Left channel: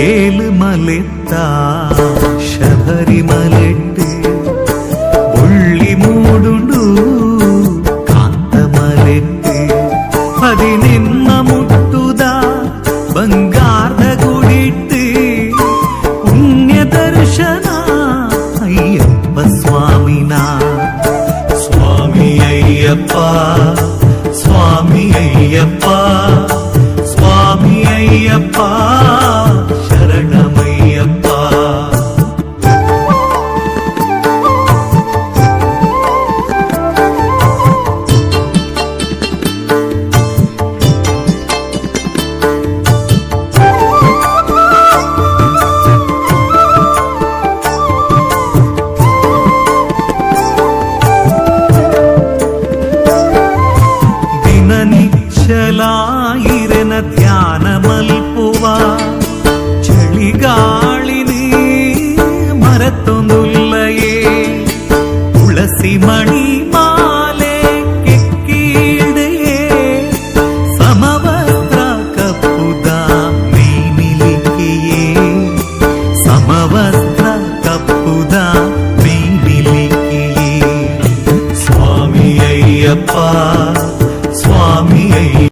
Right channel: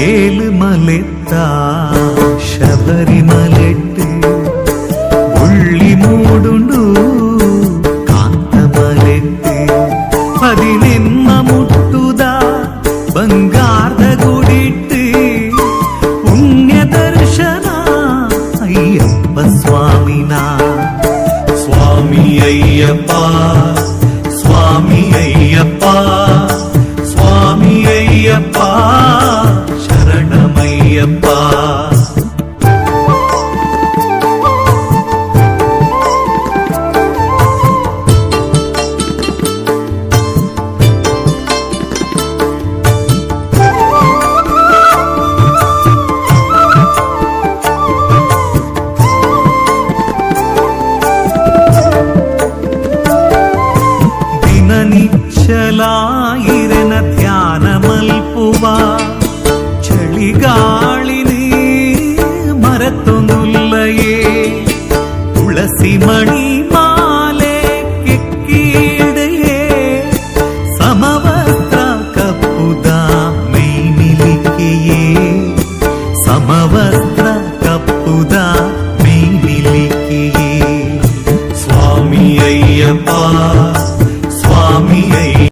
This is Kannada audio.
ஏழு மலைத்தா ಶಬರಿಮಲೆಟ್ಟು ಬುಳ್ಳಿ ಮೂಡುಂಡು ಕಾಂತಮಲೆಟ್ಟು ಪದಿನೆನ್ನ ಮುಟ್ಟುದ ಬಂಗಾರದ ಗುಡಿಟ್ಟು ಪುಣ್ಯ ದರ್ಶನ ಅಯ್ಯಪ್ಪ ಸ್ವಾಮಿನ ಸ್ವಾಮಿ ಅಯ್ಯಪ್ಪ ಸ್ವಾಮಿ ಅಯ್ಯಪ್ಪ ಸ್ವಾಮಿ ಅಯ್ಯಪ್ಪ ಶರಣಮಯ್ಯಪ್ಪ. ನಿಚ್ಚಲಾಯಿರನ ಧ್ಯಾನ ಮಲ್ಪುವ ಚಳಿಗಾಳಿನಿ ಮರತೊಂದುಲ್ಲಯೇ ತುಳಸಿ ಮಣಿ ಮಾಲೆ ಕೆಕ್ಕೀಡೆಯೇ ಸಮವಸ್ತ್ರ ಕಪ್ಪುದ ಮೈಮಿಲಿಕೆಯೇ ಸಮವಸ್ತ್ರ ಕಪ್ಪುದ